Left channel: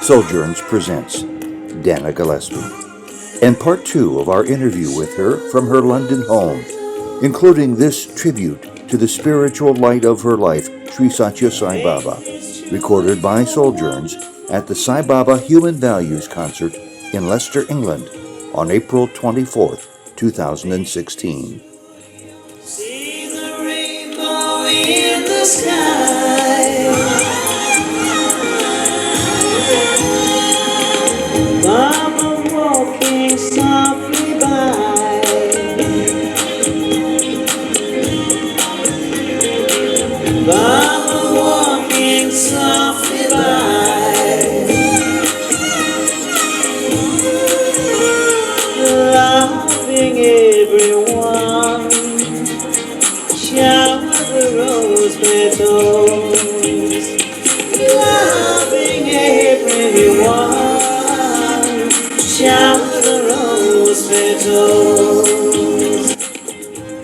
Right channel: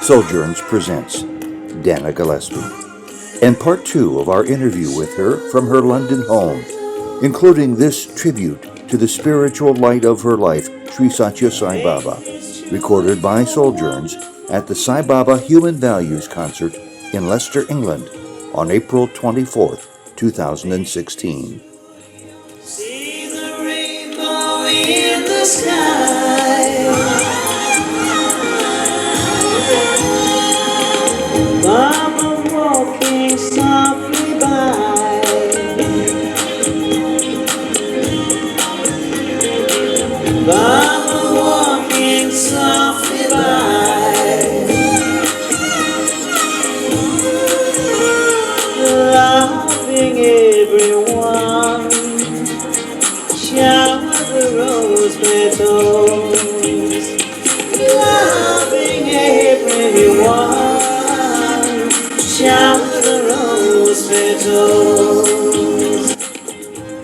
Souljourns presents Dana Gillespie, and part 2 of our interview with her from her London home, including this tribute to the spiritual light of her life, Sri Sathya Sai Baba, recorded by Souljourns at the Sai Baba Human Values Concert in Leicester, England, on April 24th, 2016. See the rainbow in the sky. Baba walking softly by. Baba walking softly by. Loving everyone. Shower the rose petals. Loving everyone. Shower the rose petals.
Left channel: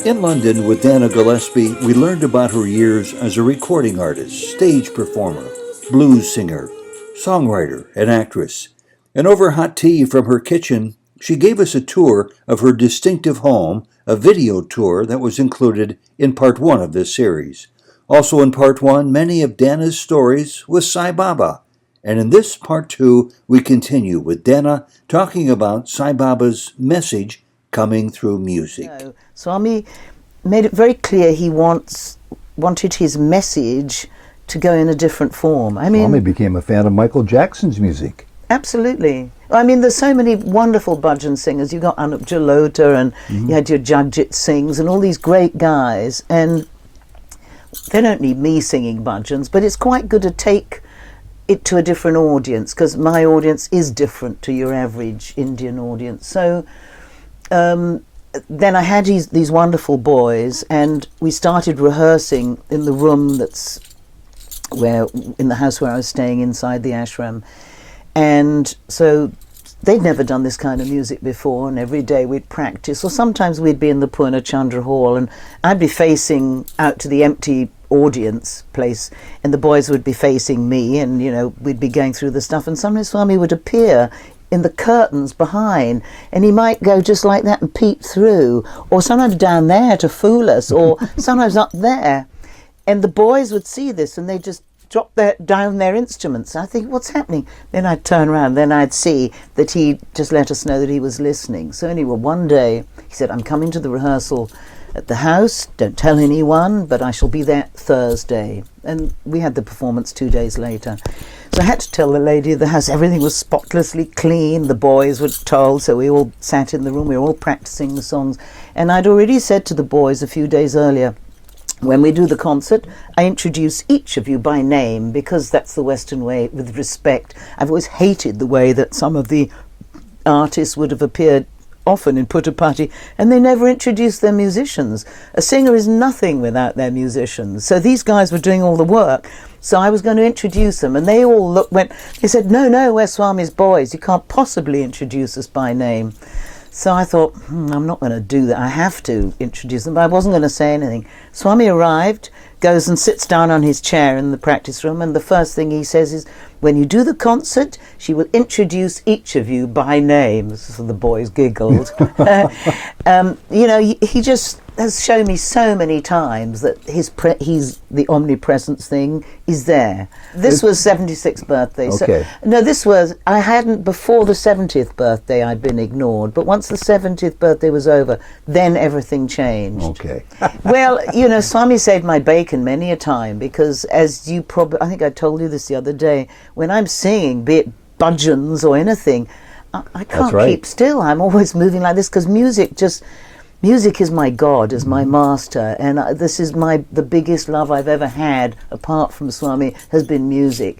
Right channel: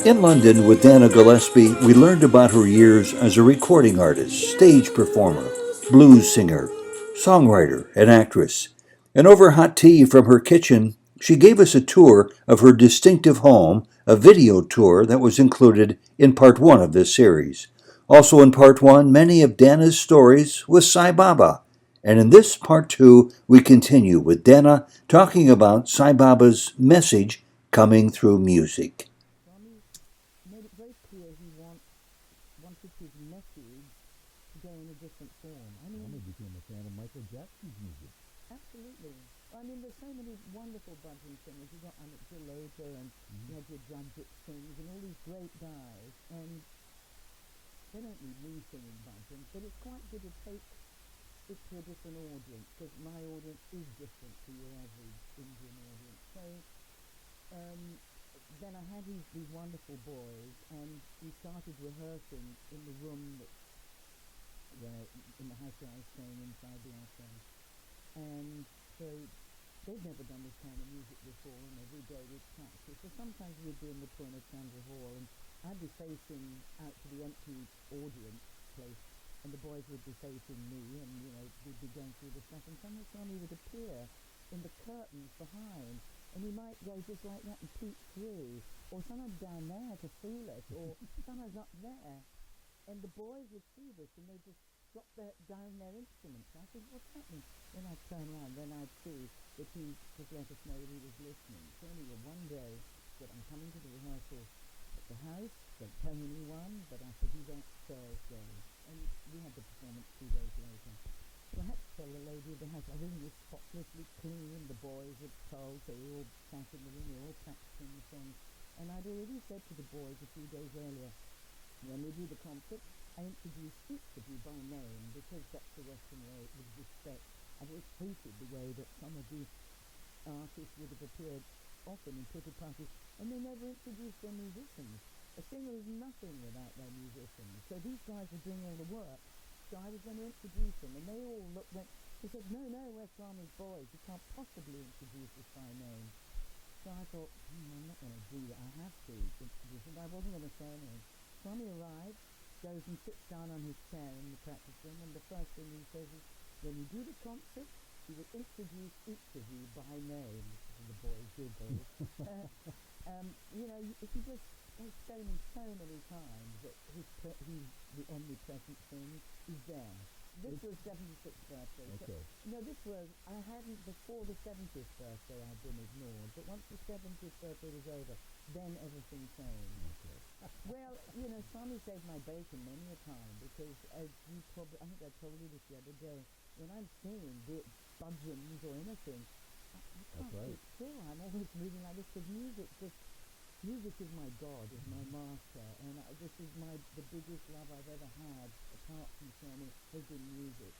In London with Dana Gillespie, we learned about her years as a recording artist, stage performer, blues singer, songwriter, and actress. And over hot tea from her kitchen, she gave us a tour of her distinctive home, a video tour that was included in part 1 of this series. Also in part 1, many of Dana's stories with Sai Baba. And in this part 2, we continue with Dana talking about Sai Baba's message coming through music. Swami made it very clear he wanted his message to go in a different form. I mean, Swami became a fan of Michael Jackson's music. Absolutely. I mean, there's so many wonderful bhajan singers. You got Anup Jalota, and you had your Jagjit Singhs, and all these great guys. And they don't need me singing bhajans, but it's quite good to take it to a different audience, because my audience is different to your average Indian audience. So then I had these wonderful boys, and we started rehearsing in the room in the house where I was staying inside the ashram. And so they'd never done this kind of music before, and every day we'd practice, or sometimes we'd be in the Purna Chandra Hall, and I'd be facing out to the empty audience place, and the boys would be facing me, and we'd be going through the stuff, and sometimes Swami would appear in the curtains behind, and he might go just like that and peep through, or sometimes down there to fool us, or sometimes up there, and the boys would see this and they just drop down their instruments. I think, what's happening? Then I'd turn around, then I'd see that he just let us know that he was listening. So anyway, one day he said, I'm coming to the rehearsal at the house, don't tell anyone, but I shall be there Thursday. And we had the performance 2 days later. So I had to tell the lady of the house everything was spotlessly clean. The boys were told, so we all sat in the room, we were all practicing the songs. And I'd already said to the boys a few days earlier, when we do the concert, I introduce each of you by name, because that's the Western way, with respect. I've always hated the way that some of the artists would have appeared often in Puttapati, and they never introduced their musicians. A singer is nothing without their musicians. So these guys were doing all the work, so I was going to introduce them, and they all they said, no, we're Swami's boys, you can't possibly introduce us by name. So I thought, I'm not going to do that. I have to introduce them, but I wasn't going to say anything. Swami arrived, goes and sits down on his chair in the practice room, and the first thing he says is, when you do the concert, she will introduce each of you by name. So the boys giggled. He just has shown me so many times that he's the omnipresence thing is there. This was 76th birthday. Okay. So, no, I hadn't, before the 70th birthday I'd been ignored, but once the 70th birthday was over, then everything changed. Okay. Well, Swami saved my bacon many a time, because as you probably, I think I told you this the other day, when I'm singing, be it bhajans or anything, I can't keep still. I'm always moving like this, because music is my God, is my master, and this is the biggest love I've ever had, apart from Swami, has been music.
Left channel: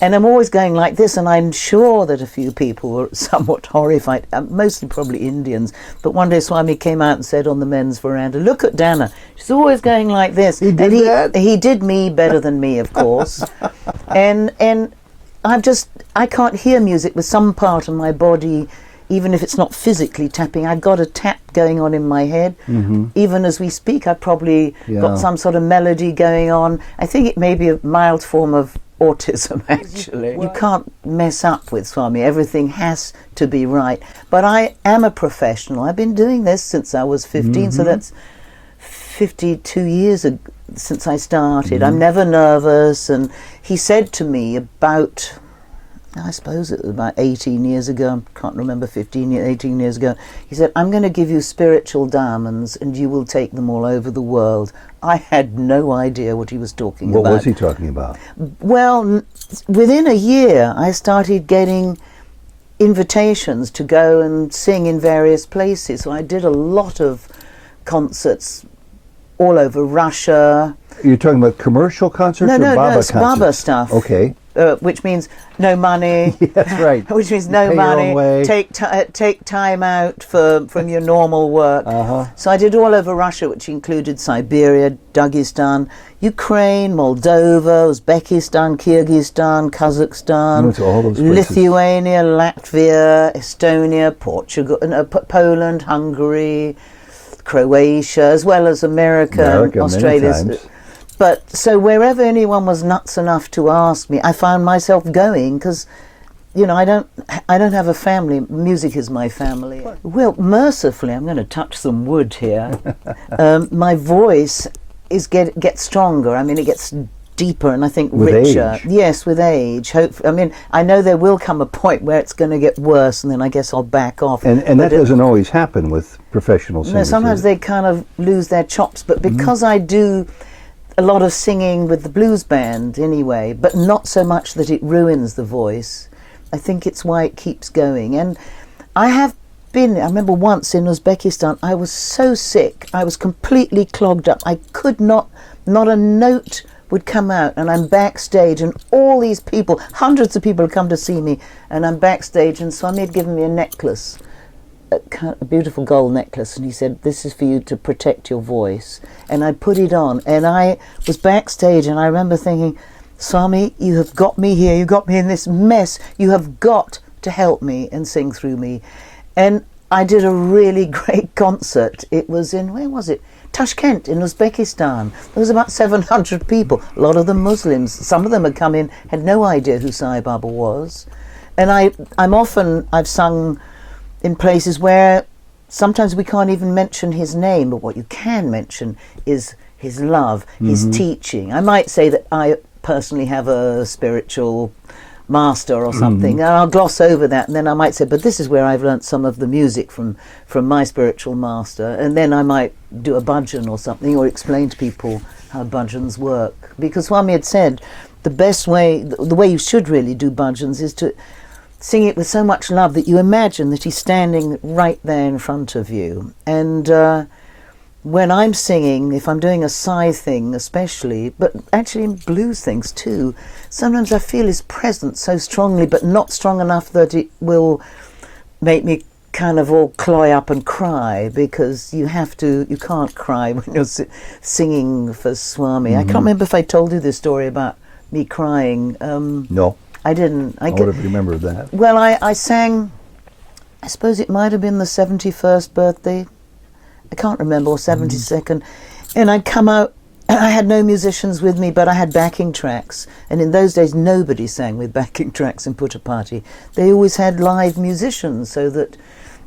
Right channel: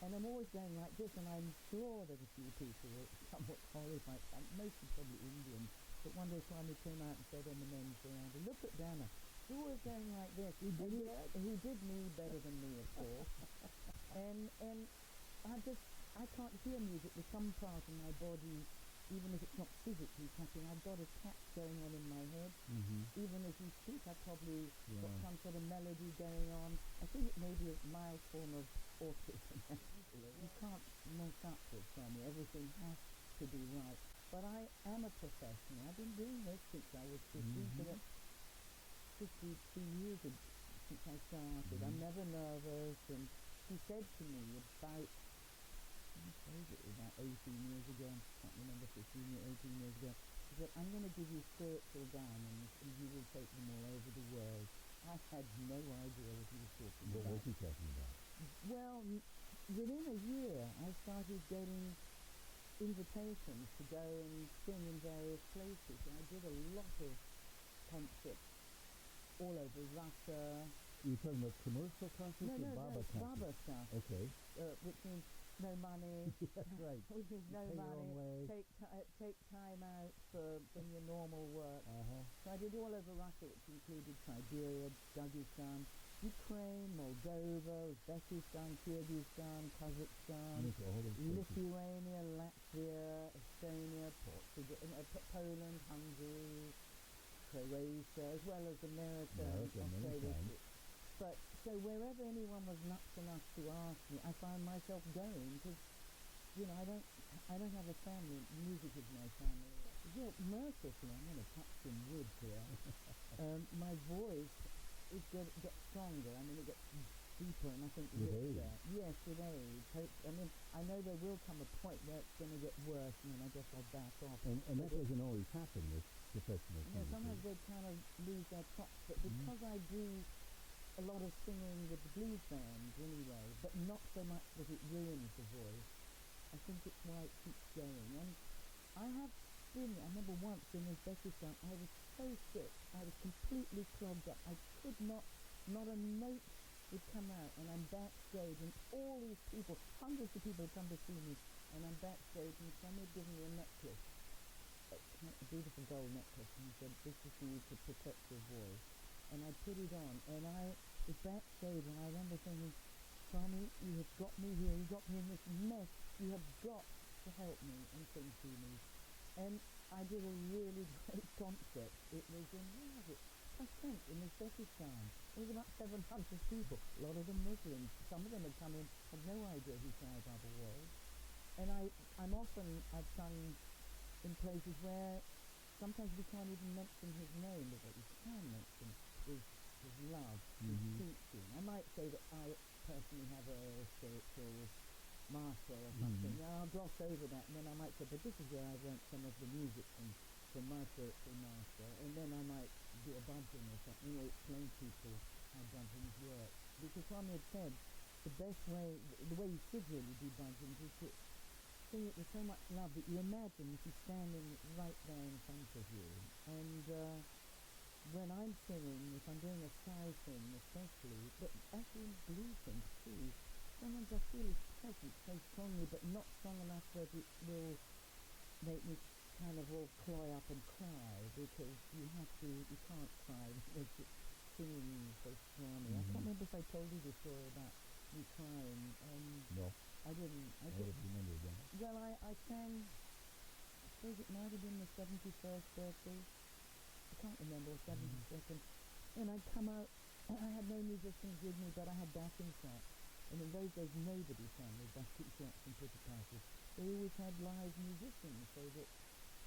And I'm always going like this, and I'm sure that a few people were somewhat horrified, mostly probably Indians. But one day Swami came out and said on the men's veranda, look at Dana, she's always going like this. He did that? He did me better than me, of course. and I can't hear music with some part of my body even if it's not physically tapping, I've got a tap going on in my head. Even as we speak, I've probably got some sort of melody going on. I think it may be a mild form of autism, actually. You can't mess up with Swami. Everything has to be right. But I am a professional. I've been doing this since I was 15, so that's 52 years since I started. I'm never nervous. And he said to me about, I suppose it was about 18 years ago, I can't remember, 18 years ago, he said, I'm going to give you spiritual diamonds and you will take them all over the world. I had no idea what he was talking about. What was he talking about? Well, within a year, I started getting invitations to go and sing in various places. So I did a lot of concerts all over Russia. You're talking about commercial concerts or Baba it's concerts? Baba stuff. Okay. Which means no money. Yeah, that's right. Which means no Pay your own money. way. Take time out from your normal work. So I did all over Russia, which included Siberia, Dagestan, Ukraine, Moldova, Uzbekistan, Kyrgyzstan, Kazakhstan, Went to all those places. Lithuania, Latvia, Estonia, Portugal, Poland, Hungary, Croatia, as well as America Australia. Many times. But so wherever anyone was nuts enough to ask me, I found myself going because, you know, I don't have a family. Music is my family. Well, mercifully, I'm going to touch some wood here. My voice gets stronger. I mean, it gets deeper and I think with richer. Age. Yes, with age. I mean, I know there will come a point where it's going to get worse, and then I guess I'll back off. And that doesn't always happen with professional singers. No, sometimes they kind of lose their chops. But because I do a lot of singing with the blues band anyway, but not so much that it ruins the voice. I think it's why it keeps going. And I remember once in Uzbekistan, I was so sick, I was completely clogged up. I could not a note would come out, and I'm backstage, and all these people, hundreds of people had come to see me, and I'm backstage, and Swami had given me a necklace, a beautiful gold necklace, and he said, this is for you to protect your voice. And I put it on, and I was backstage, and I remember thinking, Swami, you have got me here, you got me in this mess, you have got to help me and sing through me. And I did a really great concert. It was in, where was it? Tashkent in Uzbekistan. There was about 700 people, a lot of them Muslims. Some of them had come in, had no idea who Sai Baba was. And I've sung in places where sometimes we can't even mention his name, but what you can mention is his love, his teaching. I might say that I personally have a spiritual master or something, and I'll gloss over that, and then I might say, but this is where I've learnt some of the music from my spiritual master, and then I might do a bhajan or something, or explain to people how bhajans work. Because Swami had said the best way, the way you should really do bhajans is to sing it with so much love that you imagine that he's standing right there in front of you. And when I'm singing, if I'm doing a Sai thing especially, but actually in blues things too, sometimes I feel his presence so strongly, but not strong enough that it will make me kind of all cloy up and cry, because you can't cry when you're singing for Swami. I can't remember if I told you this story about me crying. No. I didn't. I would have remembered that. Well, I sang, I suppose it might have been the 71st birthday, I can't remember, or 72nd, and I'd come out, and I had no musicians with me, but I had backing tracks, and in those days nobody sang with backing tracks in Putta Party. They always had live musicians, so that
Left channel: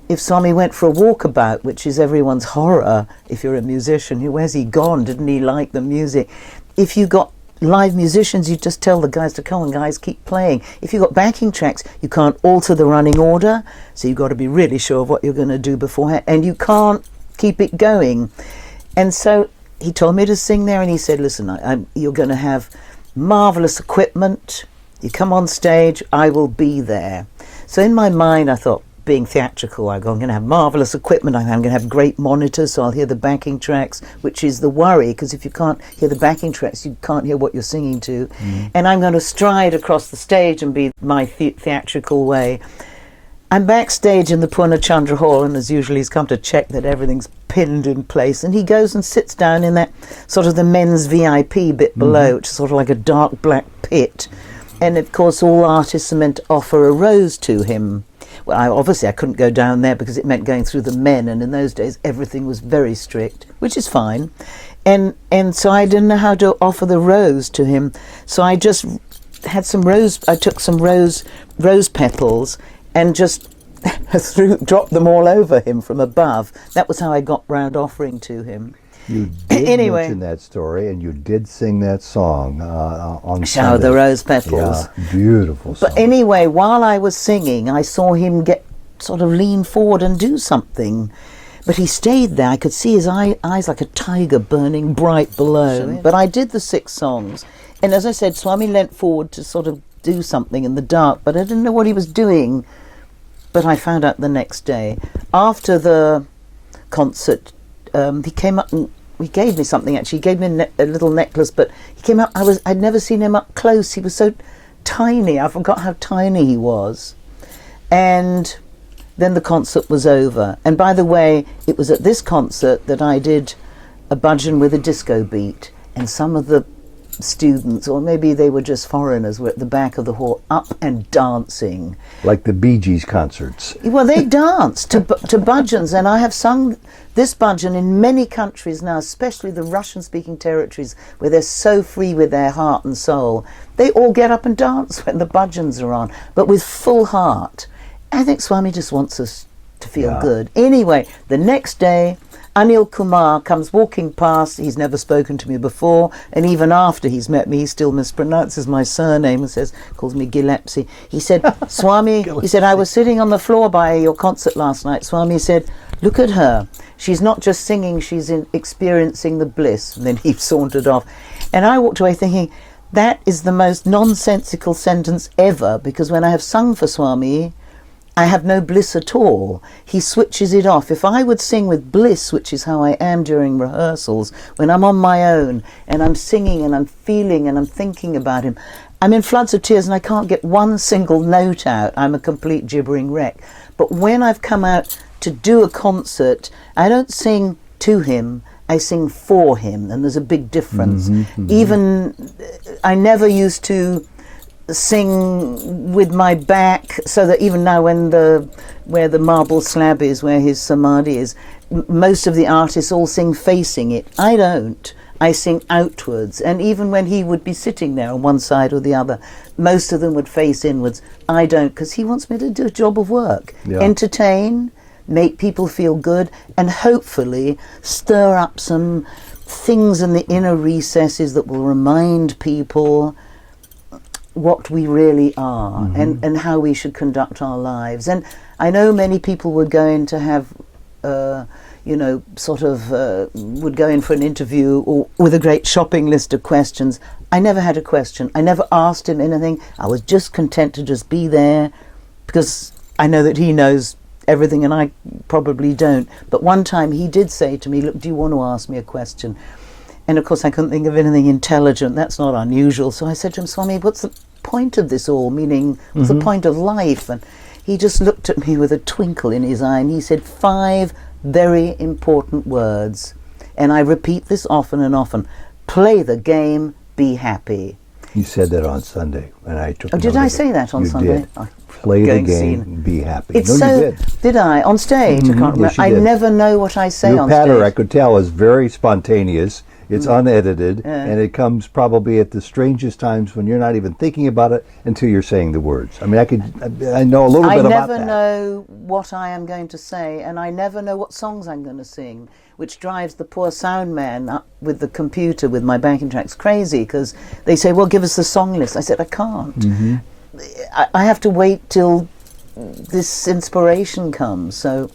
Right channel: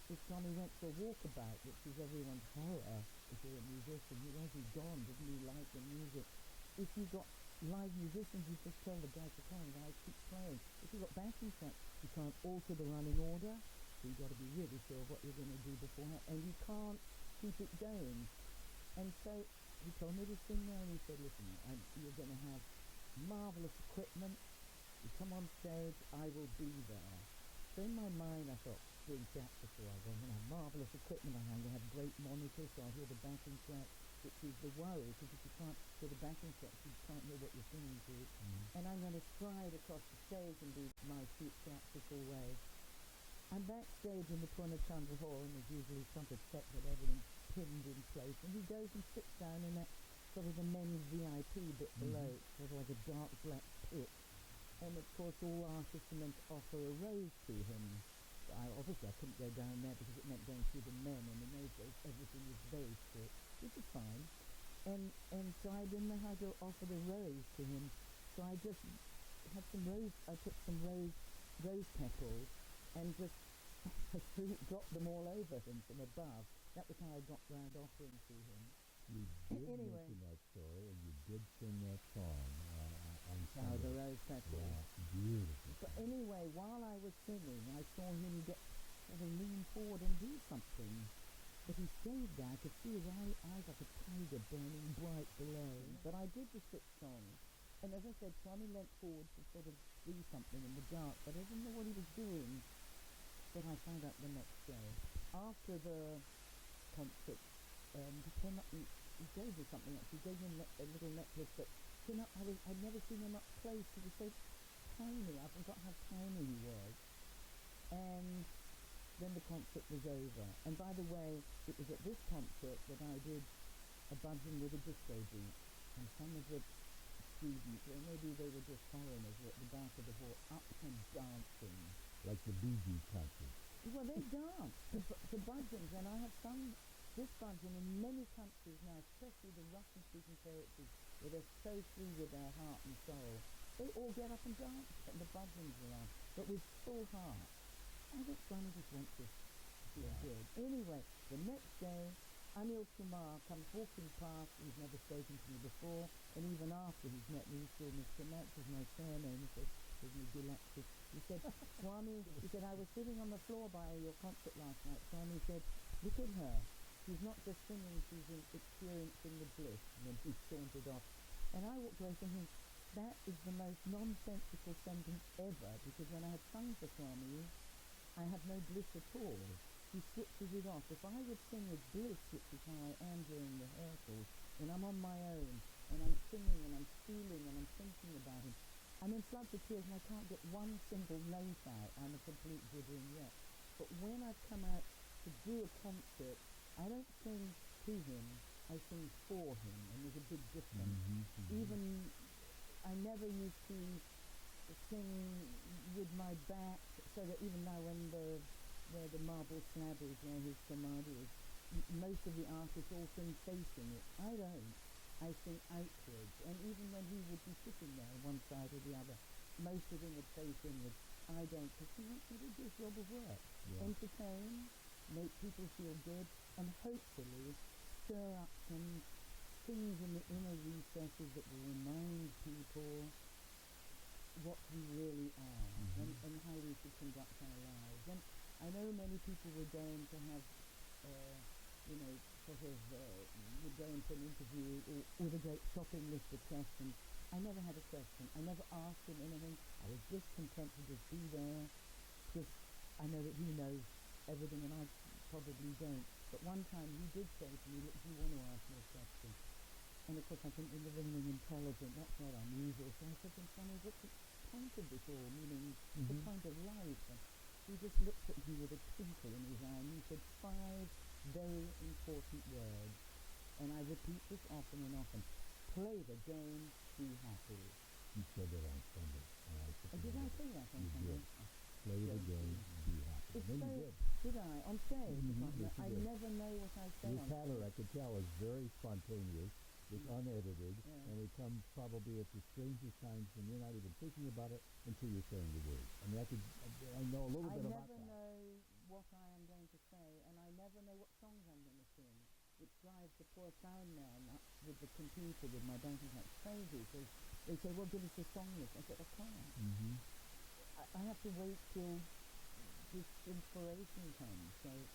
if Swami went for a walkabout, which is everyone's horror if you're a musician, where's he gone, didn't he like the music? If you got live musicians, you just tell the guys to come on, guys, keep playing. If you've got backing tracks, you can't alter the running order, so you've got to be really sure of what you're going to do beforehand, and you can't keep it going. And so he told me to sing there, and he said, listen, you're going to have marvellous equipment, you come on stage, I will be there. So in my mind I thought, being theatrical, I'm going to have marvellous equipment, I'm going to have great monitors, so I'll hear the backing tracks, which is the worry, because if you can't hear the backing tracks, you can't hear what you're singing to. And I'm going to stride across the stage and be my theatrical way. I'm backstage in the Purna Chandra Hall, and as usual he's come to check that everything's pinned in place, and he goes and sits down in that sort of the men's VIP bit below, which is sort of like a dark black pit. And of course all artists are meant to offer a rose to him. obviously I couldn't go down there because it meant going through the men, and in those days everything was very strict, which is fine. And so I didn't know how to offer the rose to him. So I just had some rose. I took some rose petals and just dropped them all over him from above. That was how I got round offering to him. You did mention that story, and you did sing that song on Shower Sunday. the Rose Petals. Yeah, beautiful song. But anyway, while I was singing, I saw him sort of lean forward and do something. But he stayed there. I could see his eyes like a tiger burning bright below. But I did the 6 songs. And as I said, Swami leant forward to sort of do something in the dark, but I didn't know what he was doing. But I found out the next day. After the concert, he came up and he gave me something, actually. He gave me a little necklace, but he came up, I'd never seen him up close. He was so tiny. I forgot how tiny he was. And then the concert was over. And by the way, it was at this concert that I did a bhajan with a disco beat. And some of the students, or maybe they were just foreigners, were at the back of the hall up and dancing. Like the Bee Gees concerts. Well, they danced to bhajans, and I have sung this bhajan in many countries now, especially the Russian-speaking territories, where they're so free with their heart and soul. They all get up and dance when the bhajans are on, but with full heart. I think Swami just wants us to feel good. Anyway, the next day, Anil Kumar comes walking past. He's never spoken to me before, and even after he's met me, he still mispronounces my surname and calls me Gillespie. He said, Swami, he said, I was sitting on the floor by your concert last night. Swami said, look at her. She's not just singing, she's experiencing the bliss. And then he sauntered off. And I walked away thinking, that is the most nonsensical sentence ever, because when I have sung for Swami, I have no bliss at all. He switches it off. If I would sing with bliss, which is how I am during rehearsals, when I'm on my own and I'm singing and I'm feeling and I'm thinking about him, I'm in floods of tears and I can't get one single note out. I'm a complete gibbering wreck. But when I've come out to do a concert, I don't sing to him, I sing for him, and there's a big difference. Even, I never used to sing with my back, so that even now where the marble slab is, where his samadhi is, most of the artists all sing facing it. I don't. I sing outwards. And even when he would be sitting there on one side or the other, most of them would face inwards. I don't, because he wants me to do a job of work. Entertain, make people feel good, and hopefully stir up some things in the inner recesses that will remind people what we really are, and how we should conduct our lives. And I know many people were going to have, would go in for an interview or with a great shopping list of questions. I never had a question. I never asked him anything. I was just content to just be there, because I know that he knows everything and I probably don't. But one time he did say to me, look, do you want to ask me a question? And of course I couldn't think of anything intelligent. That's not unusual. So I said to him, Swami, what's the point of this all? Meaning, what's the point of life? And he just looked at me with a twinkle in his eye and he said 5 very important words. And I repeat this often and often. Play the game, be happy. You said that on Sunday, and I took. Oh, did I say that on Sunday? Did. Play the game, be happy. It's you did I? On stage? I can't remember. Yes, I never know what I say Your on patter, stage. I could tell, is very spontaneous. It's unedited, and it comes probably at the strangest times when you're not even thinking about it until you're saying the words. I mean, I know a little bit about that. I never know what I am going to say, and I never know what songs I'm going to sing, which drives the poor sound man up with the computer with my backing tracks crazy, because they say, well, give us the song list. I said, I can't. I have to wait till this inspiration comes, so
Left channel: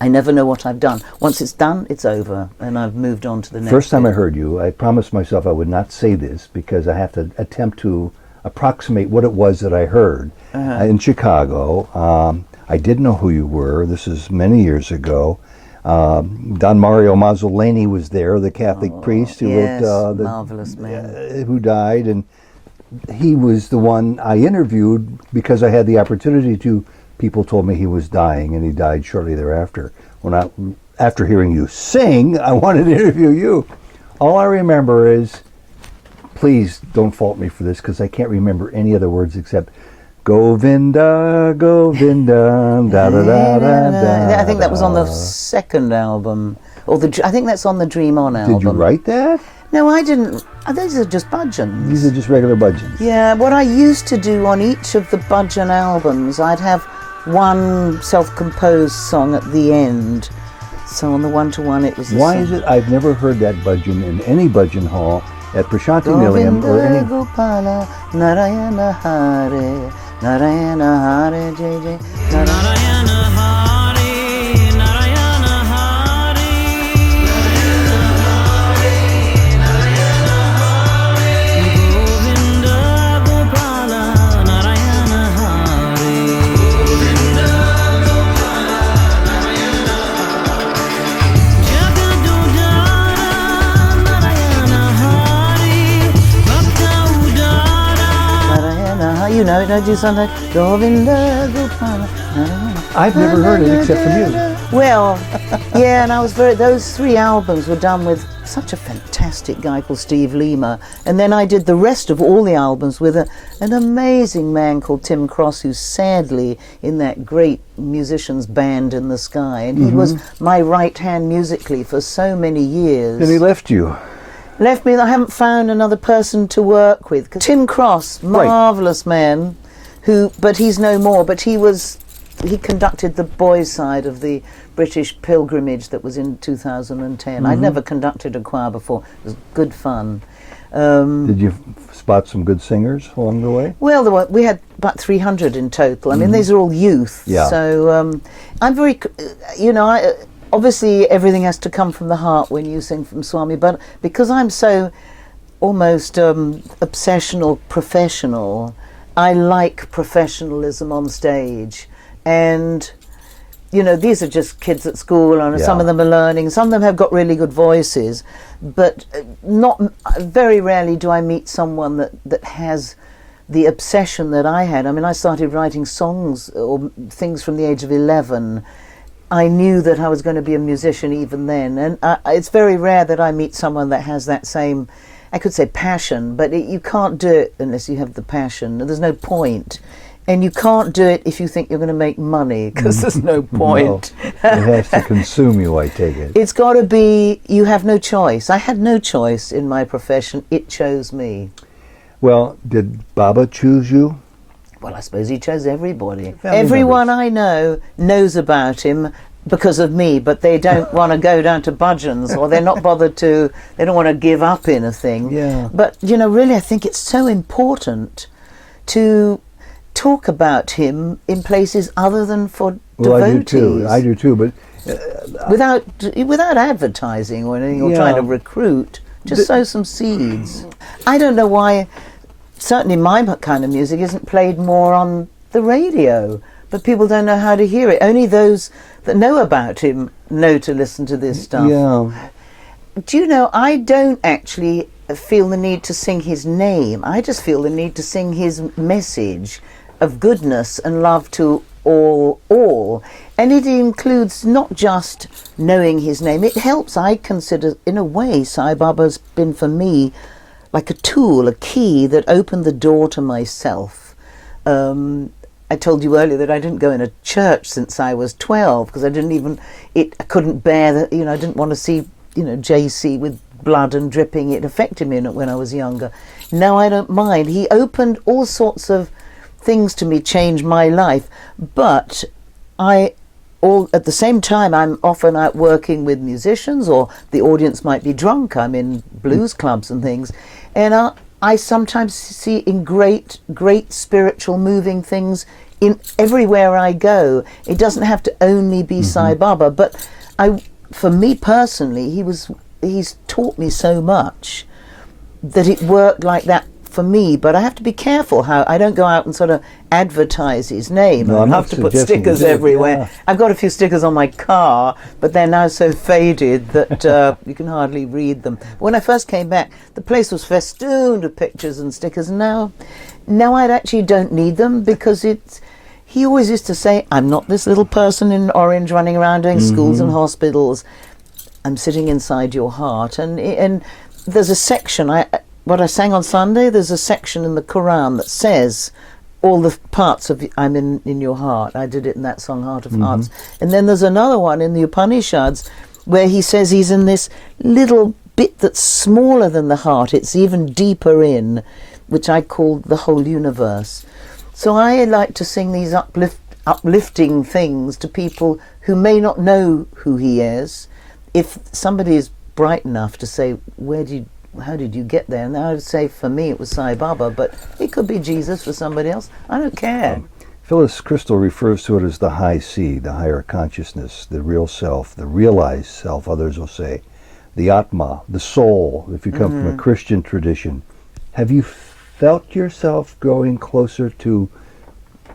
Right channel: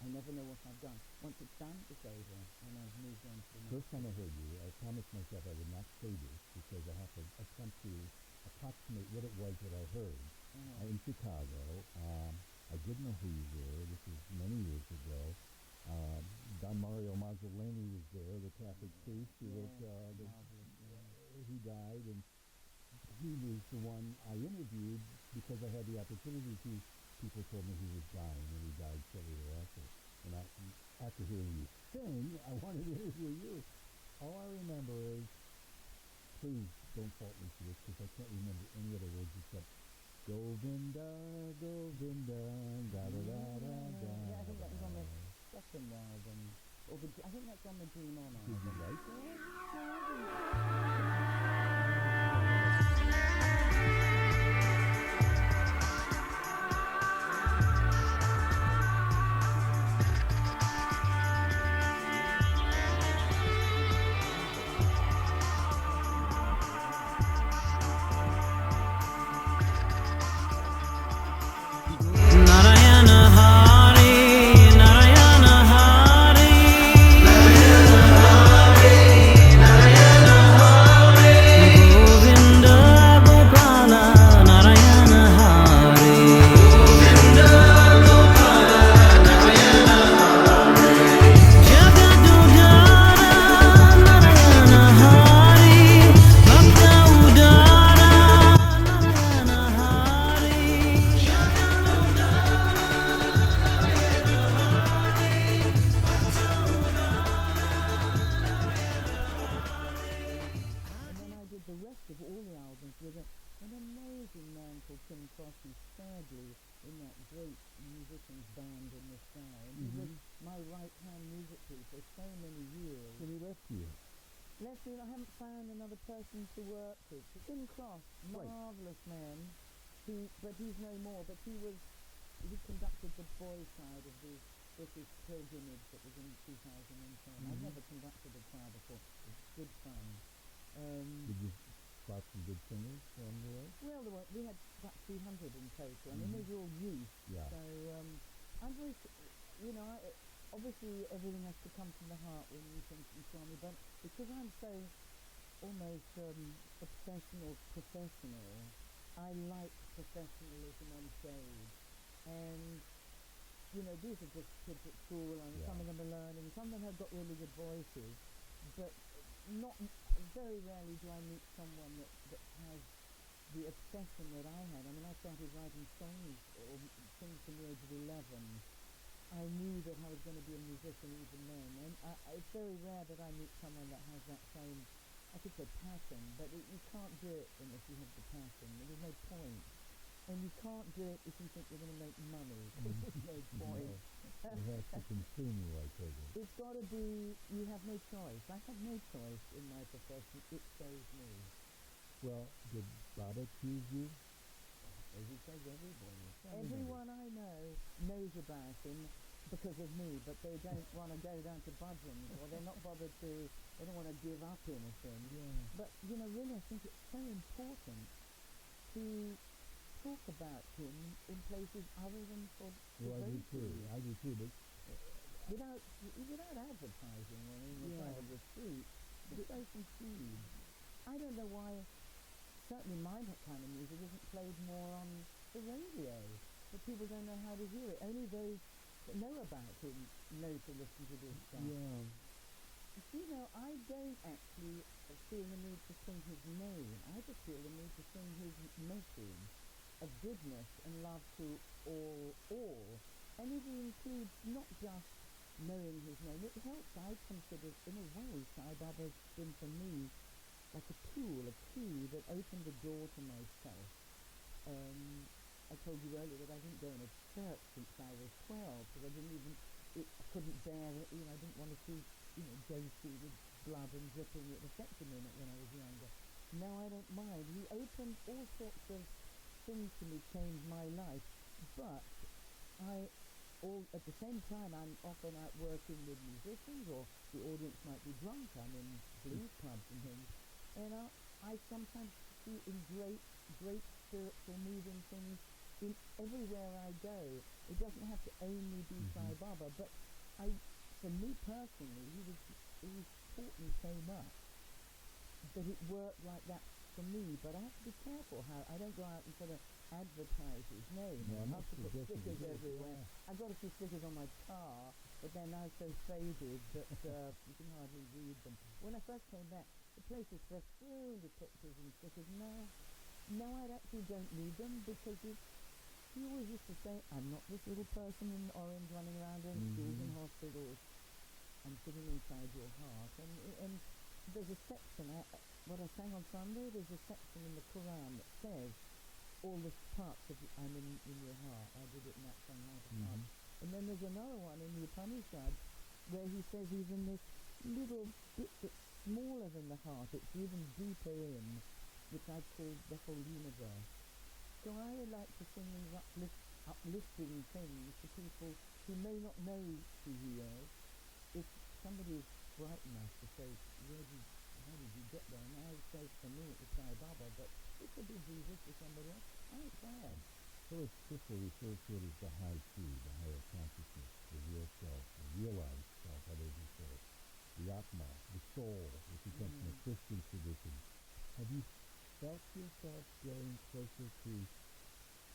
I never know what I've done. Once it's done, it's over, and I've moved on to the next. First time I heard you, I promised myself I would not say this because I have to attempt to approximate what it was that I heard in Chicago. I didn't know who you were. This is many years ago. Don Mario Mazzoleni was there, the Catholic priest who wrote marvelous man, who died, and he was the one I interviewed because I had the opportunity to. People told me he was dying, and he died shortly thereafter. After hearing you sing, I wanted to interview you. All I remember is, please don't fault me for this, because I can't remember any other words except Govinda, Govinda, da da da da da. I think that was on the second album, or I think that's on the Dream On album. Did you write that? No, I didn't. These are just budgeons. These are just regular budgeons. Yeah, what I used to do on each of the budgeon albums, I'd have one self-composed song at the end. So on the one-to-one, it was. Why is it? I've never heard that budgeon in any budgeon hall at Prashanti Nilayam or any. Gopala, Narayana Hare, Narayana Hare, Jai Jai. Narayana Hari, Narayana Hari, Narayana Hari, Govinda Gopala, Narayana Hari, Govinda Gopala, Narayana Hari, Jagadudara, Narayana Hari, Bhakta Udara. Narayana, you know, don't you something? Govinda Gopala. I've never heard it except from you. Well, yeah, and those three albums were done with such a fantastic guy called Steve Lima, and then I did the rest of all the albums with an amazing man called Tim Cross, who's sadly in that great musicians band in the sky, and he was my right hand musically for so many years. Then he left you. Left me, I haven't found another person to work with. Tim Cross, marvellous man, but he's no more, but he conducted the boys' side of the British pilgrimage that was in 2010. I'd never conducted a choir before. It was good fun. Did you spot some good singers along the way? Well, we had about 300 in total. I mean, these are all youth. Yeah. So I'm very, obviously everything has to come from the heart when you sing from Swami, but because I'm so almost obsessional professional, I like professionalism on stage. And, these are just kids at school, and some of them are learning. Some of them have got really good voices, but very rarely do I meet someone that has the obsession that I had. I mean, I started writing songs or things from the age of 11. I knew that I was going to be a musician even then. And it's very rare that I meet someone that has that same, I could say passion, but you can't do it unless you have the passion. There's no point. And you can't do it if you think you're going to make money, because there's no point. No, it has to consume you, I take it. It's got to be, you have no choice. I had no choice in my profession. It chose me. Well, did Baba choose you? Well, I suppose he chose everybody. Family Everyone members. I know knows about him because of me, but they don't want to go down to budgeons, or they're not bothered to, they don't want to give up in a thing. Yeah. But, really, I think it's so important to talk about him in places other than for devotees. I do too, but without advertising or anything, or trying to recruit, just sow some seeds. I don't know why, certainly my kind of music isn't played more on the radio, but people don't know how to hear it. Only those that know about him know to listen to this stuff. Yeah. Do you know, I don't actually feel the need to sing his name. I just feel the need to sing his message of goodness and love to all. And it includes not just knowing his name. It helps, I consider, in a way, Sai Baba's been for me like a tool, a key that opened the door to myself. I told you earlier that I didn't go in a church since I was 12, because I couldn't bear that, I didn't want to see, JC with blood and dripping. It affected me when I was younger. Now I don't mind. He opened all sorts of things to me, changed my life, but at the same time I'm often out working with musicians, or the audience might be drunk. I'm in blues clubs and things, and I sometimes see in great spiritual moving things in everywhere I go. It doesn't have to only be Sai Baba, but for me personally, he's taught me so much that it worked like that for me. But I have to be careful how I don't go out and sort of advertise his name. No, I I'm have not to put suggesting stickers you do, everywhere. yeah. I've got a few stickers on my car, but they're now so faded that you can hardly read them. When I first came back, the place was festooned with pictures and stickers. Now I actually don't need them, because he always used to say, I'm not this little person in orange running around doing schools and hospitals. I'm sitting inside your heart. And there's a section, what I sang on Sunday, there's a section in the Quran that says, all the parts of I'm in your heart. I did it in that song, Heart of Hearts. And then there's another one in the Upanishads where he says he's in this little bit that's smaller than the heart. It's even deeper in, which I call the whole universe. So I like to sing these uplifting things to people who may not know who he is. If somebody is bright enough to say, how did you get there? And I would say, for me, it was Sai Baba, but it could be Jesus for somebody else. I don't care. Phyllis Crystal refers to it as the high C, the higher consciousness, the real self, the realized self, others will say, the Atma, the soul, if you come from a Christian tradition. Have you felt yourself growing closer to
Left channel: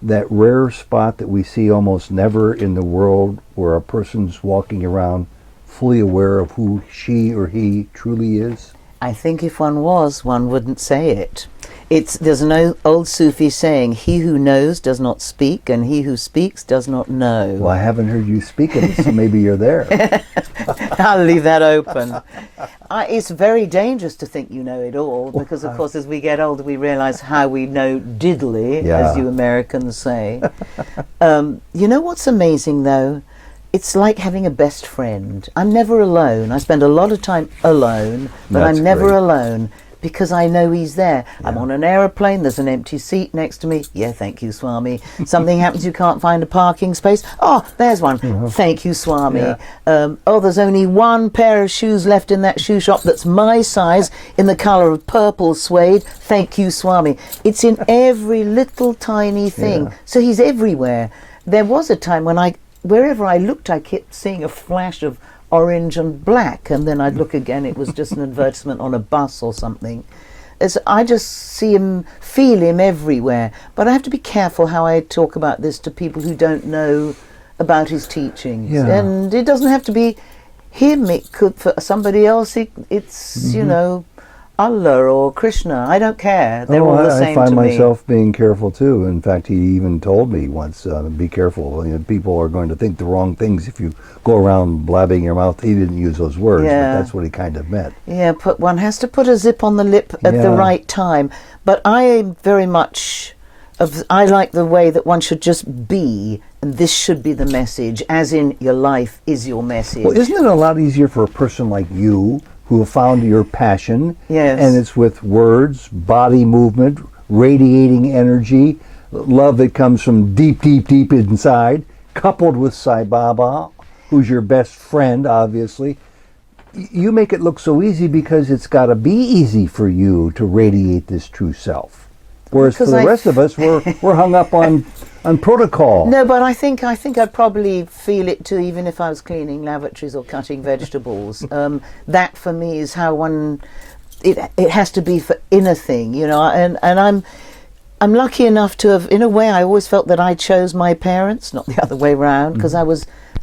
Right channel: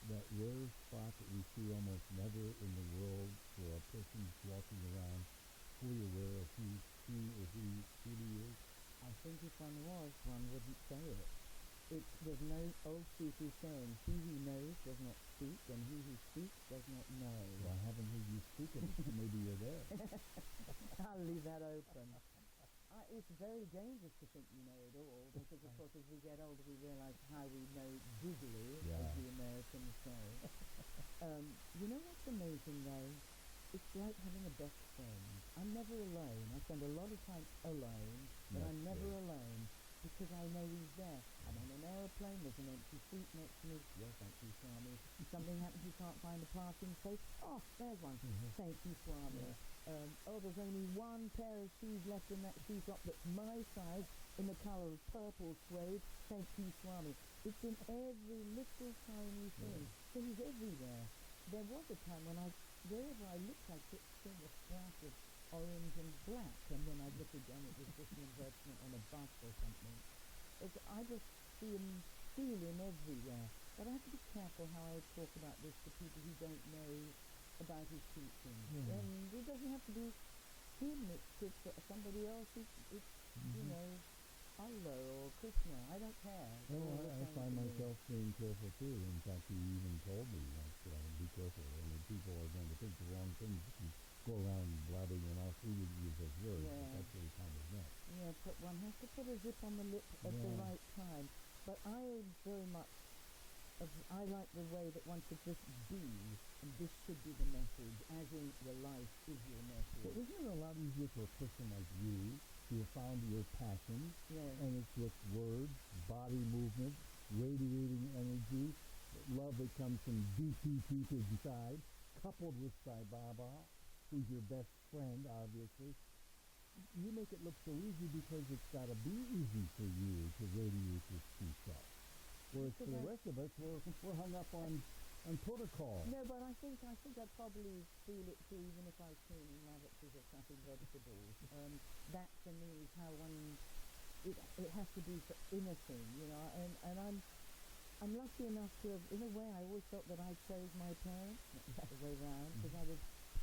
that rare spot that we see almost never in the world, where a person's walking around fully aware of who she or he truly is? I think if one was, one wouldn't say it. There's an old Sufi saying, he who knows does not speak, and he who speaks does not know. Well, I haven't heard you speak of it, so maybe you're there. I'll leave that open. It's very dangerous to think you know it all, because, of course, as we get older, we realize how we know diddly, as you Americans say. You know what's amazing, though? It's like having a best friend. I'm never alone. I spend a lot of time alone, but That's I'm never great. alone because I know he's there. Yeah. I'm on an aeroplane, there's an empty seat next to me. Yeah, thank you, Swami. Something happens, you can't find a parking space. Oh, there's one. Thank you, Swami. Yeah. Oh, there's only one pair of shoes left in that shoe shop that's my size in the colour of purple suede. Thank you, Swami. It's in every little tiny thing. Yeah. So he's everywhere. There was a time when wherever I looked, I kept seeing a flash of orange and black, and then I'd look again, it was just an advertisement on a bus or something. I just see him, feel him everywhere. But I have to be careful how I talk about this to people who don't know about his teachings. Yeah. And it doesn't have to be him, it could, for somebody else, it's you know, Allah or Krishna. I don't care. They're all the same to me. I find myself being careful too. In fact, he even told me once, be careful. You know, people are going to think the wrong things if you go around blabbing your mouth. He didn't use those words, but that's what he kind of meant. Yeah, one has to put a zip on the lip at the right time. But I am very much I like the way that one should just be, and this should be the message, as in your life is your message. Well, isn't it a lot easier for a person like you, who have found your passion, and it's with words, body movement, radiating energy, love that comes from deep, deep, deep inside, coupled with Sai Baba, who's your best friend, obviously. You make it look so easy because it's got to be easy for you to radiate this true self. Whereas for the rest of us, we're hung up on protocol. No, but I think I'd probably feel it too, even if I was cleaning lavatories or cutting vegetables. That for me is how it has to be for inner thing, you know. And I'm lucky enough to have, in a way, I always felt that I chose my parents, not the other way around, because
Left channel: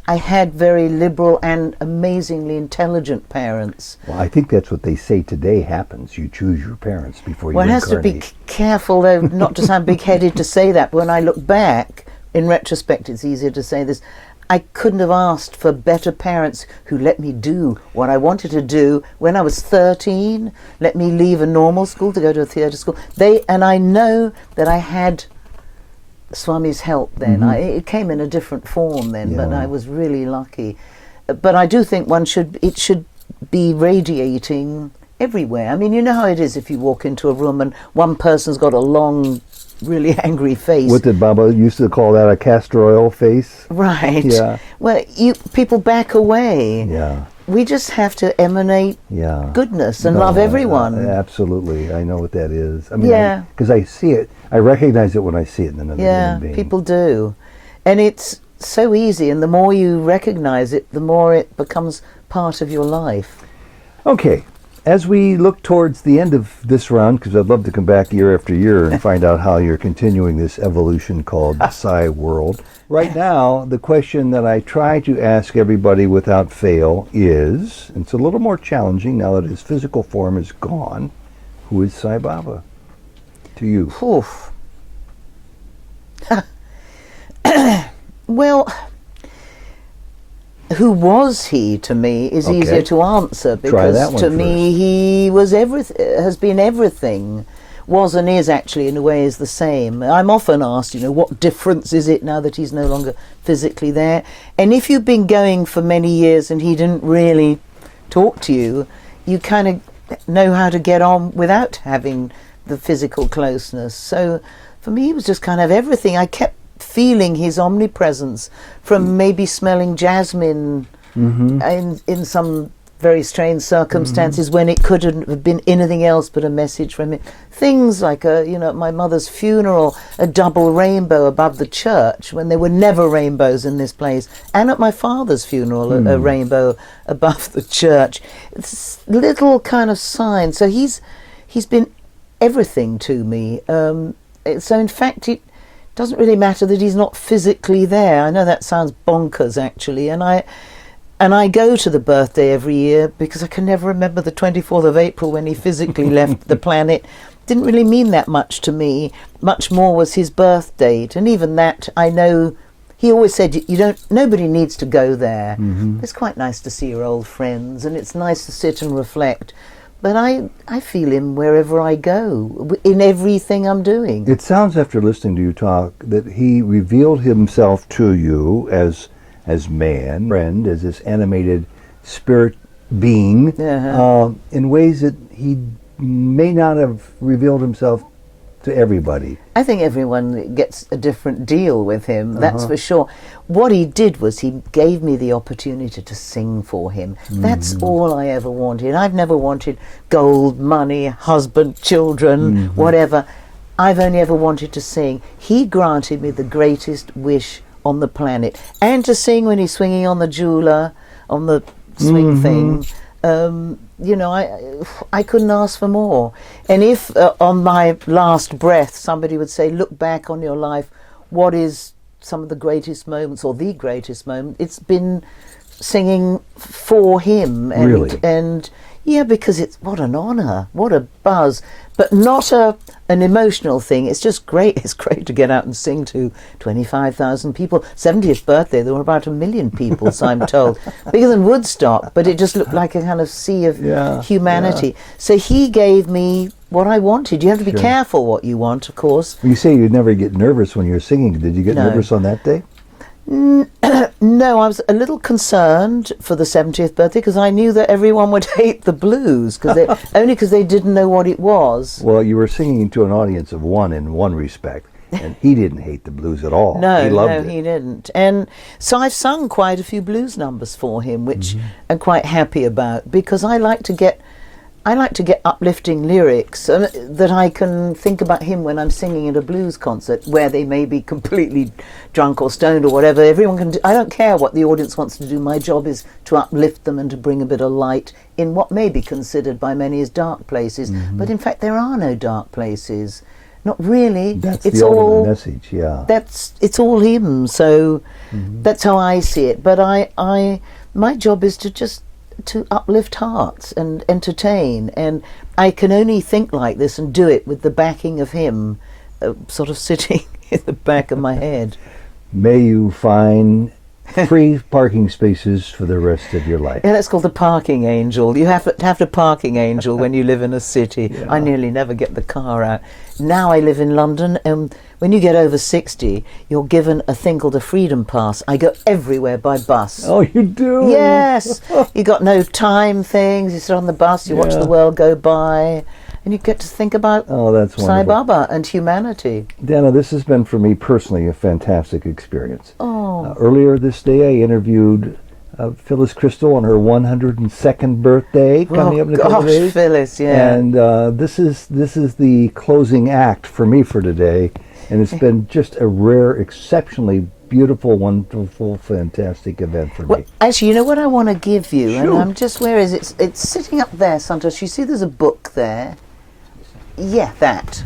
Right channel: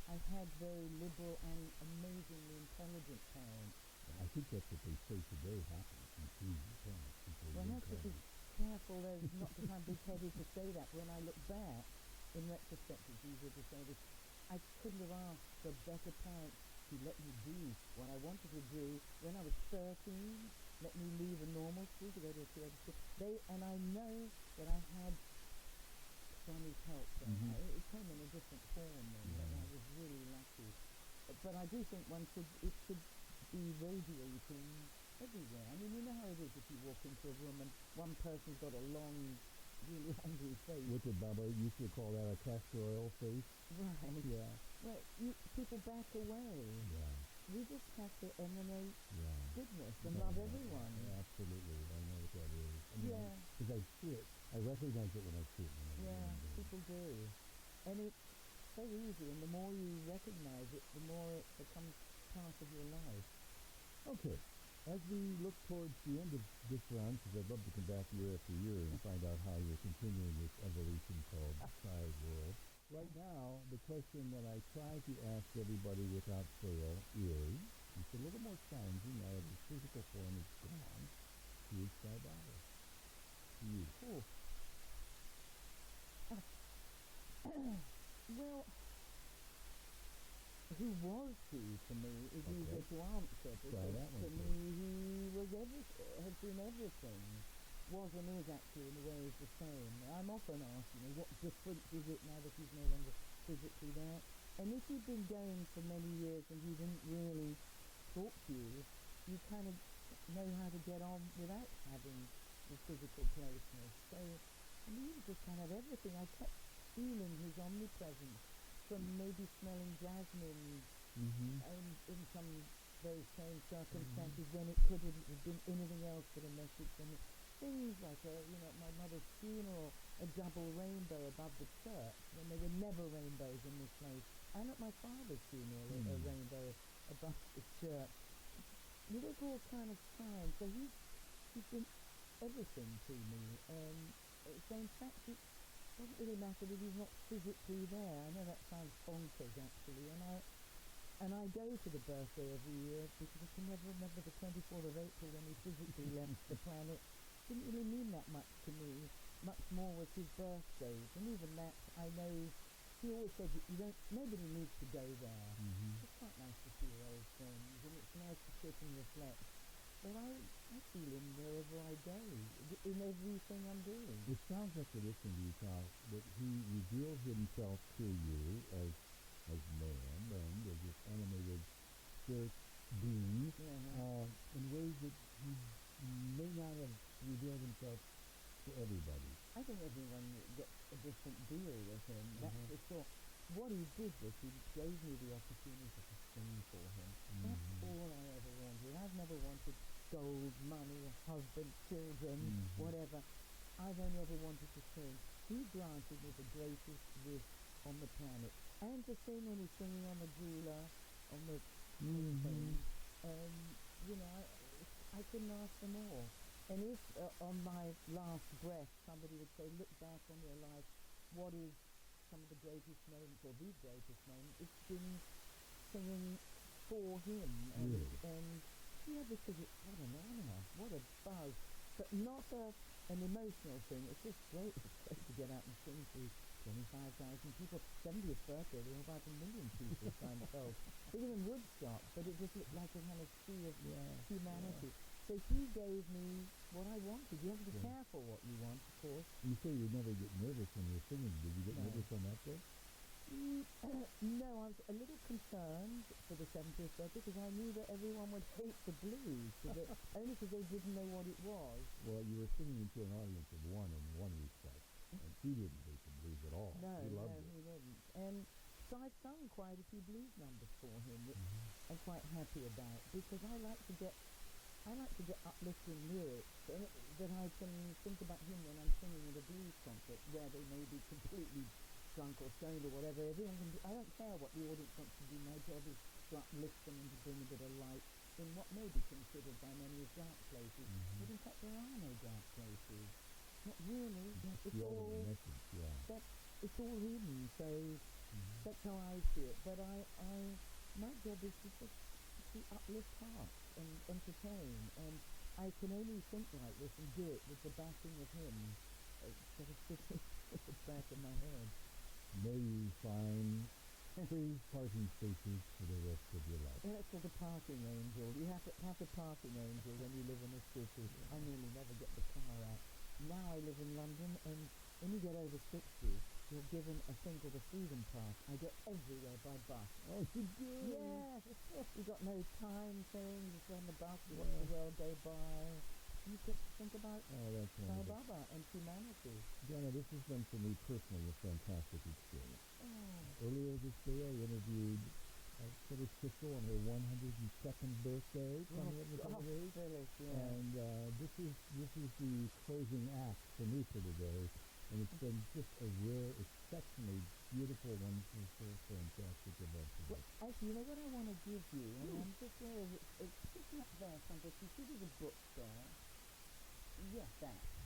I had very liberal and amazingly intelligent parents. Well, I think that's what they say today happens. You choose your parents before you incarnate. Well, one has to be careful, though, not to sound big-headed to say that. But when I look back, in retrospect, it's easier to say this. I couldn't have asked for better parents who let me do what I wanted to do when I was 13, let me leave a normal school to go to a theatre school. And I know that I had Swami's help then. It came in a different form then, but I was really lucky. But I do think it should be radiating everywhere. I mean, you know how it is if you walk into a room and one person's got a long, really angry face. What did Baba used to call that, a castor oil face? Right. Yeah. Well, people back away. Yeah. We just have to emanate goodness and love everyone. Absolutely. I know what that is. I mean, because I see it. I recognize it when I see it in another human being. Yeah, people do. And it's so easy, and the more you recognize it, the more it becomes part of your life. Okay. As we look towards the end of this round, because I'd love to come back year after year and find out how you're continuing this evolution called the Sai world. Right now, the question that I try to ask everybody without fail is, and it's a little more challenging now that his physical form is gone, who is Sai Baba to you? Oof. Well, who was he to me is easier to answer, because to me he was has been everything. was and is actually in a way is the same. I'm often asked, what difference is it now that he's no longer physically there? And if you've been going for many years and he didn't really talk to you, you kind of know how to get on without having the physical closeness. So for me, it was just kind of everything. I kept feeling his omnipresence, from maybe smelling jasmine in some very strange circumstances when it couldn't have been anything else but a message from him. Things like, at my mother's funeral, a double rainbow above the church when there were never rainbows in this place, and at my father's funeral, a rainbow above the church. It's little kind of signs. So he's been everything to me. So in fact, it doesn't really matter that he's not physically there. I know that sounds bonkers, actually, and I go to the birthday every year because I can never remember the 24th of April when he physically left the planet. Didn't really mean that much to me. Much more was his birth date, and even that, I know. He always said, nobody needs to go there. It's quite nice to see your old friends, and it's nice to sit and reflect. But I feel him wherever I go, in everything I'm doing. It sounds, after listening to you talk, that he revealed himself to you as man, friend, as this animated spirit being, in ways that he may not have revealed himself to everybody. I think everyone gets a different deal with him, that's for sure. What he did was he gave me the opportunity to sing for him. That's all I ever wanted. I've never wanted gold, money, husband, children, whatever. I've only ever wanted to sing. He granted me the greatest wish on the planet, and to sing when he's swinging on the jeweler, on the swing thing. I couldn't ask for more. And if on my last breath somebody would say, look back on your life, what is some of the greatest moments, or the greatest moment, it's been singing for him. And, really? And yeah, because it's, what an honour, what a buzz, but not an emotional thing. It's just great. It's great to get out and sing to 25,000 people. 70th birthday, there were about 1 million people, so I'm told. Bigger than Woodstock, but it just looked like a kind of sea of humanity. Yeah. So he gave me what I wanted. You have to be careful what you want, of course. You say you'd never get nervous when you're singing. Did you get nervous on that day? No, I was a little concerned for the 70th birthday because I knew that everyone would hate the blues only because they didn't know what it was. Well, you were singing to an audience of one in one respect, and he didn't hate the blues at all. No, he loved it. He didn't. And so I've sung quite a few blues numbers for him, which I'm quite happy about, because I like to get uplifting lyrics that I can think about him when I'm singing at a blues concert where they may be completely drunk or stoned or whatever. Everyone can do, I don't care what the audience wants to do. My job is to uplift them and to bring a bit of light in what may be considered by many as dark places. But in fact, there are no dark places. Not really. That's it's the all ultimate message, yeah. It's all him. So that's how I see it. But my job is to uplift hearts and entertain, and I can only think like this and do it with the backing of him sort of sitting in the back of my head. May you find free parking spaces for the rest of your life. Yeah, that's called the parking angel. You have to have the parking angel when you live in a city. I nearly never get the car out. Now I live in London, and when you get over 60, you're given a thing called a freedom pass. I go everywhere by bus. Oh, you do? Yes. You got no time things. You sit on the bus, you watch the world go by, and you get to think about that's Sai Baba and humanity. Dana, this has been for me personally a fantastic experience. Oh. Earlier this day I interviewed Phyllis Crystal on her 102nd birthday coming up in a couple of days. Phyllis, yeah. And this is the closing act for me for today, and it's been just a rare, exceptionally beautiful, wonderful, fantastic event for me. Actually, you know what I want to give you, Sure. and I'm just, where is it? It's sitting up there, Santosh. You see, there's a book there. Yeah, that.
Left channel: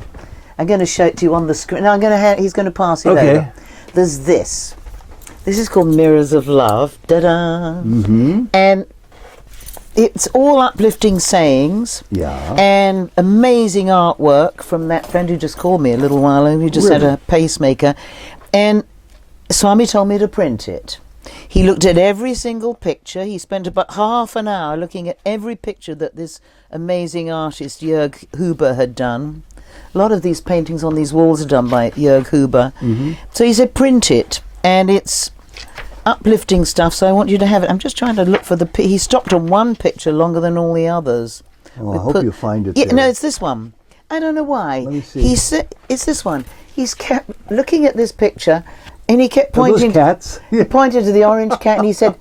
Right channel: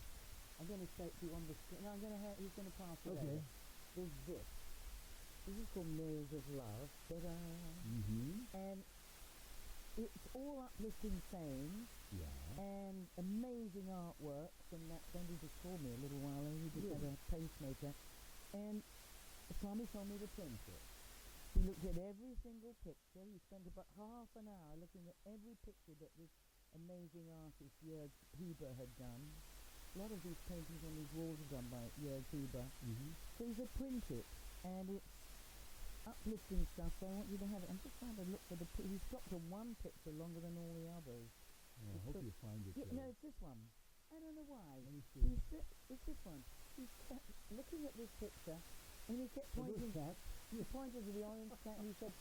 I'm going to show it to you on the screen. No, he's going to pass it over. There's this. This is called Mirrors of Love. Da-da! And it's all uplifting sayings and amazing artwork from that friend who just called me a little while ago, who just had a pacemaker. And Swami told me to print it. He looked at every single picture. He spent about half an hour looking at every picture that this amazing artist Jörg Huber had done. a lot of these paintings on these walls are done by Jörg Huber. So he said, print it, and it's uplifting stuff, so I want you to have it. I'm just trying to look for he stopped on one picture longer than all the others. Well, I hope you find it. Yeah, there. no, it's this one. I don't know why. Let me see. He said, it's this one. He's kept looking at this picture, and he kept Are those pointing. cats? He pointed to the orange cat, and he said,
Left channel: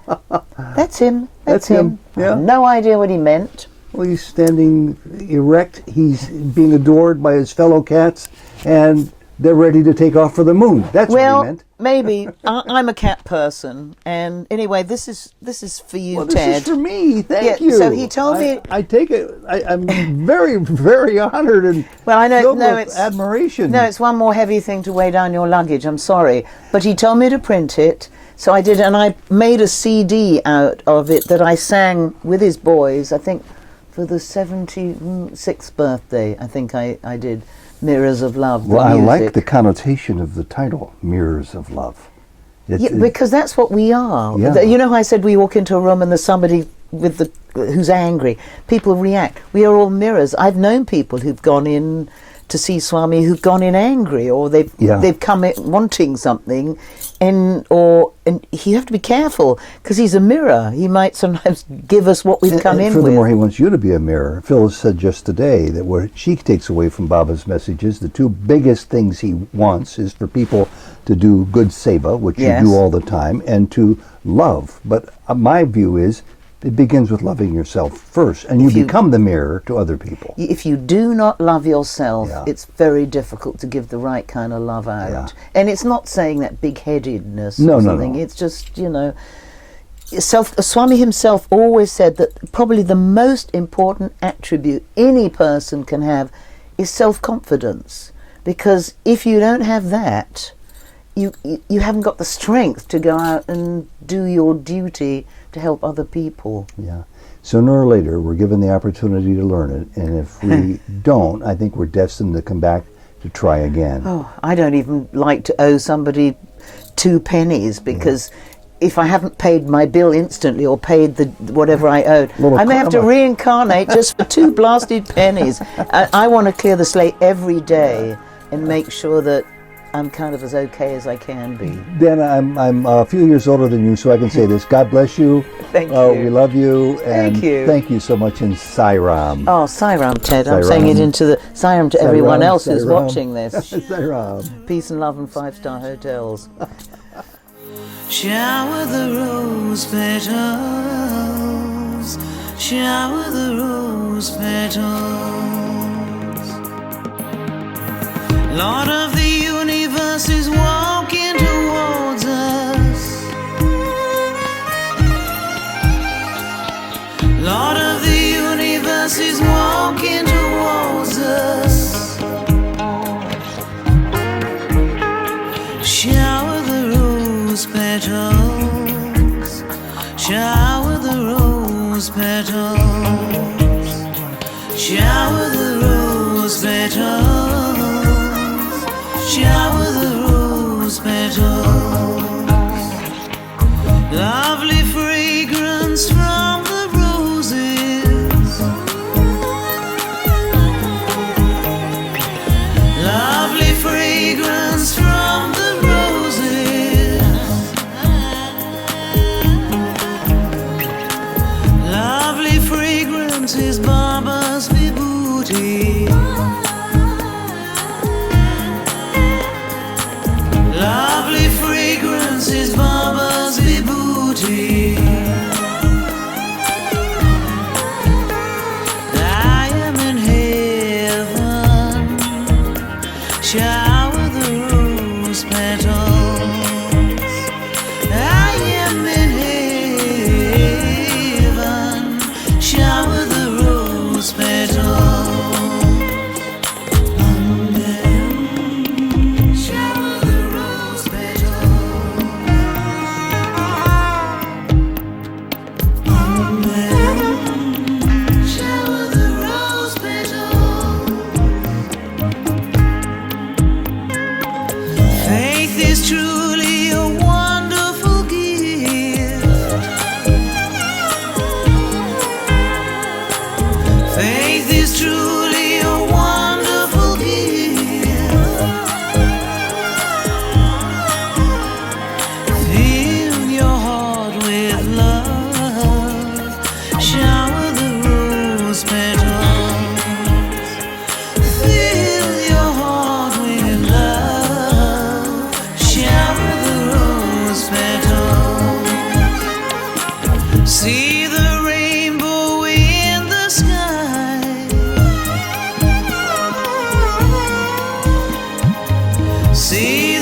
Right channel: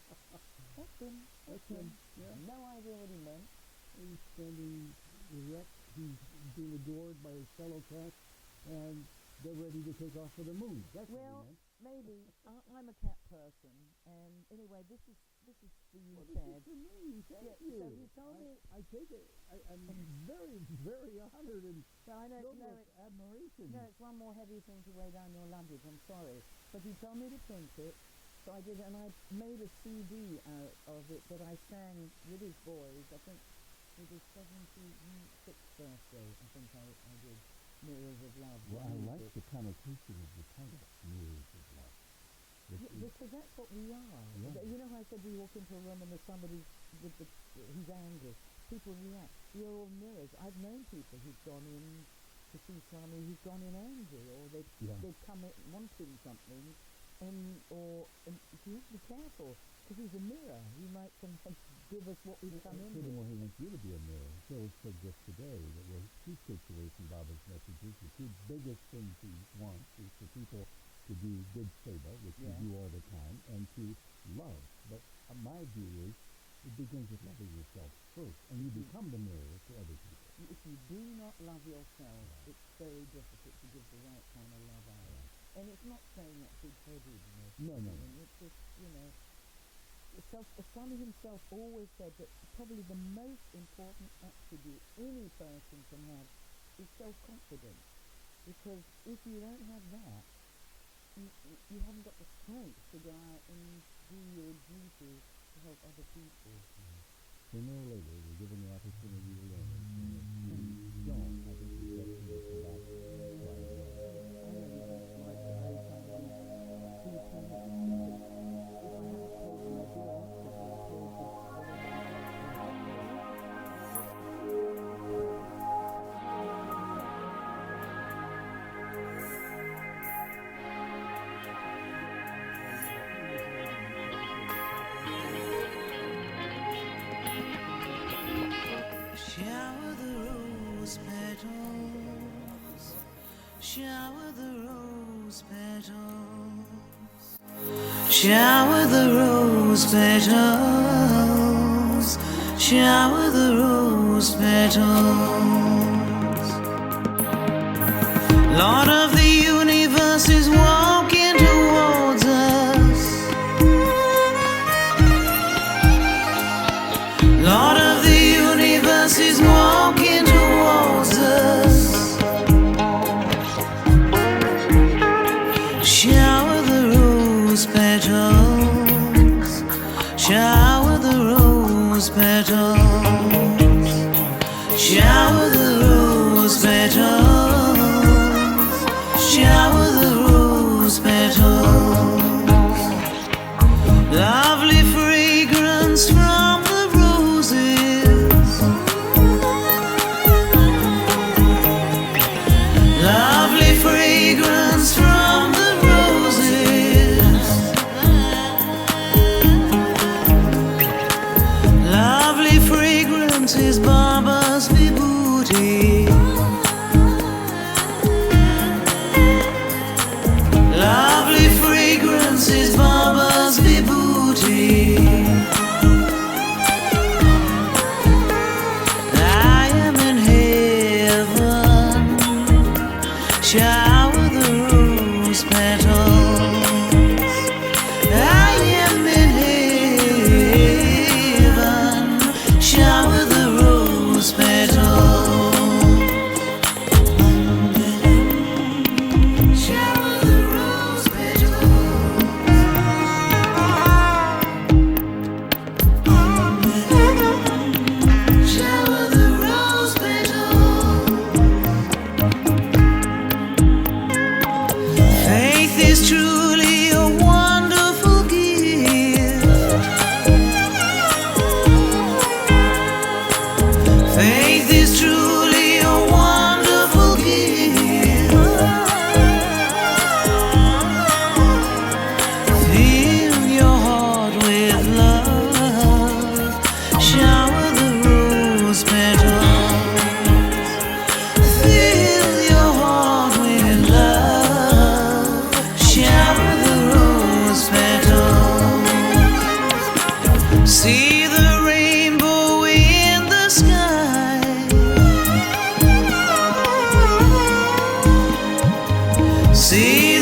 "That's him. That's him." Yeah. I have no idea what he meant. Well, he's standing erect. He's being adored by his fellow cats, and they're ready to take off for the moon. That's what he meant. Maybe I'm a cat person, and anyway, this is for you, Well, this Ted. is for me. Thank Yeah, you. so he told me- I take it. I'm very, very honored and Well, I know. filled No, with it's admiration. No, it's one more heavy thing to weigh down your luggage. I'm sorry, but he told me to print it, so I did, and I made a CD out of it that I sang with his boys. I think for the 76th birthday. I think I did Mirrors of Love. Well, the I music. like the connotation of the title, Mirrors of Love. Yeah, because that's what we are. Yeah. You know how I said we walk into a room and there's somebody who's angry. People react. We are all mirrors. I've known people who've gone in to see Swami who've gone in angry, or they've come in wanting something, and you have to be careful because he's a mirror. He might sometimes give us what we've come in with. Furthermore, he wants you to be a mirror. Phyllis said just today that what she takes away from Baba's messages, the two biggest things he wants is for people to do good seva, which Yes. you do all the time, and to love. But my view is it begins with loving yourself first, and you become the mirror to other people. If you do not love yourself, Yeah. it's very difficult to give the right kind of love out. Yeah. And it's not saying that big-headedness No, or no, something. no. It's just, Swami himself always said that probably the most important attribute any person can have is self-confidence. Because if you don't have that, you haven't got the strength to go out and do your duty to help other people. Yeah. Sooner or later, we're given the opportunity to learn it, and if we don't, I think we're destined to come back to try again. Oh, I don't even like to owe somebody 2 pennies because if I haven't paid my bill instantly or paid whatever I owed, I may have to reincarnate just for 2 blasted pennies. I want to clear the slate every day and make sure that I'm kind of as okay as I can be. Dana, I'm a few years older than you, so I can say this. God bless you. Thank you. We love you. And Thank you. Thank you so much in Sai Ram. Oh, Sai Ram, Ted. I'm Sai saying Ram. it into the Sai Ram to everyone Ram, else Sai who's Ram. watching this. Sai Ram. Peace and love and 5-star hotels. Shower the rose petals, shower the rose petals. Lord of the universe is walking towards us. Lord of the universe is walking towards us. Shower the rose petals, shower the rose petals, shower the rose petals, shower the rose petals. Lovely fragrance from the roses, lovely fragrance from the lovely fragrance is Baba's vibhuti. Lovely fragrance is Baba's vibhuti. I am in heaven. Shower the rose petals. I am in heaven. Shower the rose petals. Shower the rose petals. Shower the rose petals. See